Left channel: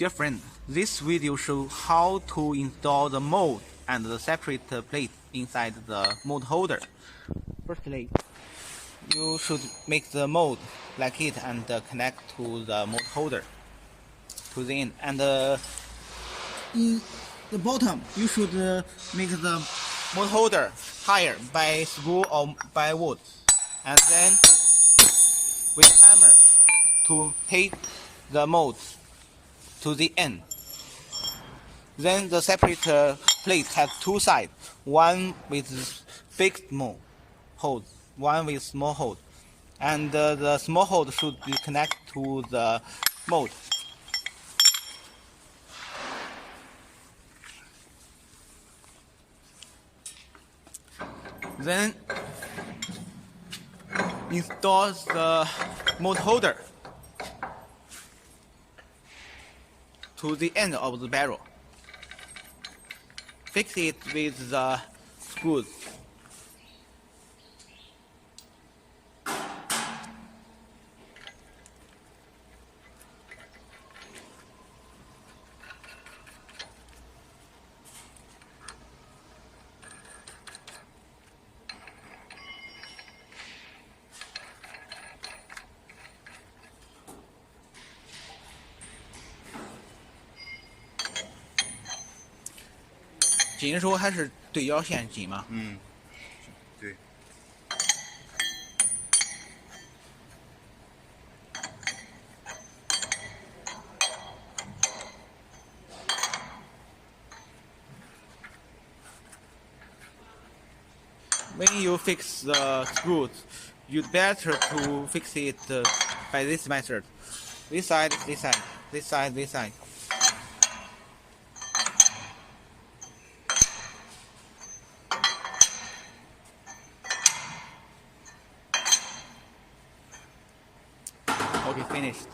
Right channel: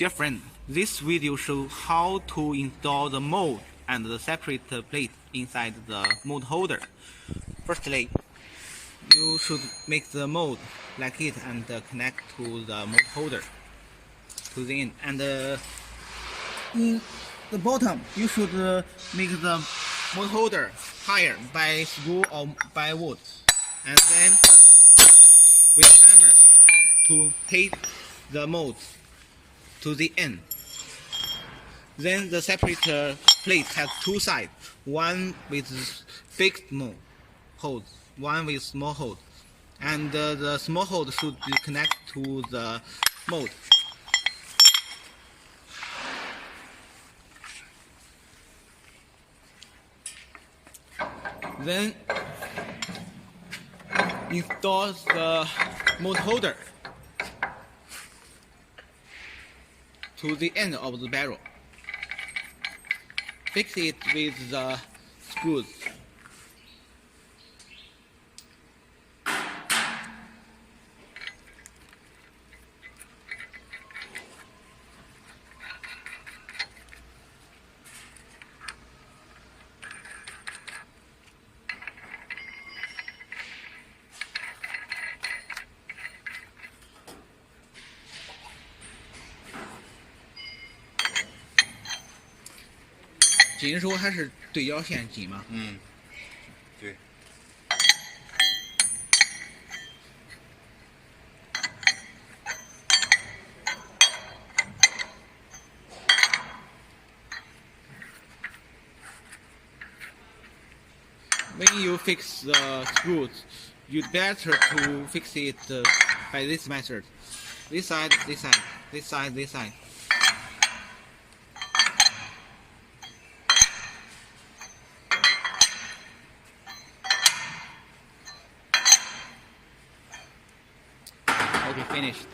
Dear friend, this video shows how to install the mold and the separate plate inside the mold holder. Firstly, you should make the mold like it and connect to the mold holder to the end. And in the bottom, you should make the mold holder higher by screw or by wood, and then with hammer to take the mold to the end. Then the separate plate has two sides, one with big hole, one with small hole, and the small hole should be connected to the mold. Then install the mold holder to the end of the barrel. Fix it with the screws.紧的时候还是对角线紧吗？对。When you fix the screws, you'd better to fix it by this method. This side, this side, this side, this side. Okay, finished.